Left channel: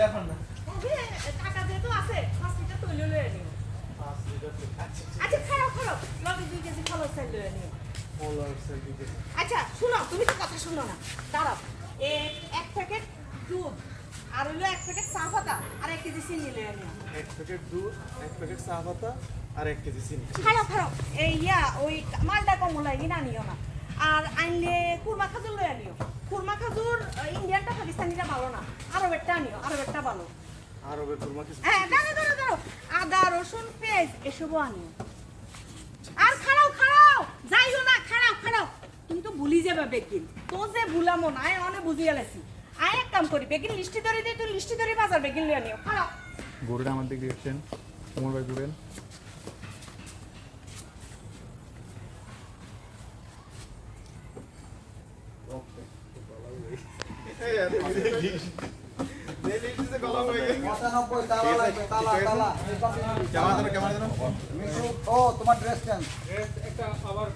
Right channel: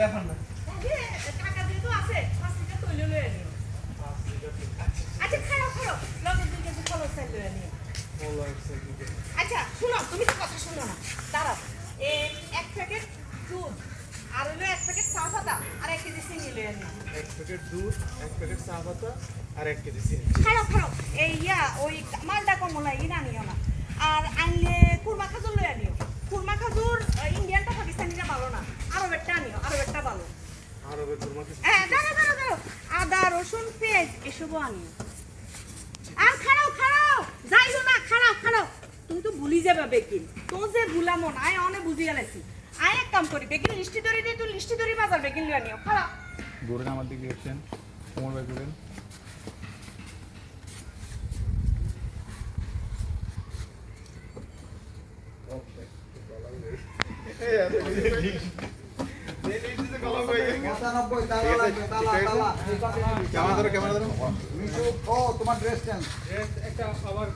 ব্যাপার না। টাকা যেহেতু আছে 5 লিটার তৈল লয়ে নিও। আচ্ছা খারাপ খারাপ লগে 2 কেজি ফল চাল লয়ে নিও। আচ্ছা শুনো তুমি তো কথা শুনো না দাঁড়াও এই 1 প্যাকেট দুধ আর হলো 1 প্যাকেট চা পাতা আর 1 কেজি চিনি লয়ে নিও। 1 প্যাকেট দুধ, 1 প্যাকেট চা পাতা আর 1 কেজি চিনি। খারাপ খারাপ এই ওই মালটা কমলা ইনা নিও না। আর আনলে কুরমা খাজুর লয়ে নিও। কুরমা খাজুর ইন্ডিয়ানটা পাকিস্তানিটা ভালো না। আরবেরটা নিও, আরবেরটা ভালো। আরবের কুরমা কি? হ্যাঁ দাঁড়াও আদা রসুন পেঁয়াজ এসবও আনিও। আর খারাও যাইও না খারাও তুমি তো ভুলি যাবে বেকিন তো যে ভুলামো না আয় অনেক বুঝি গেলেছি আয় এক কাম করি বেকিন লিস্টি ধরে দে তুই লিস্টি ধরে বাজার বেকিন লিয়ে নিও খারাপ ঘুরেন আমার দিকে দেখছেন কোমর ভাই ঘুরেন তোমার ড্রেস চেঞ্জ একটা আবার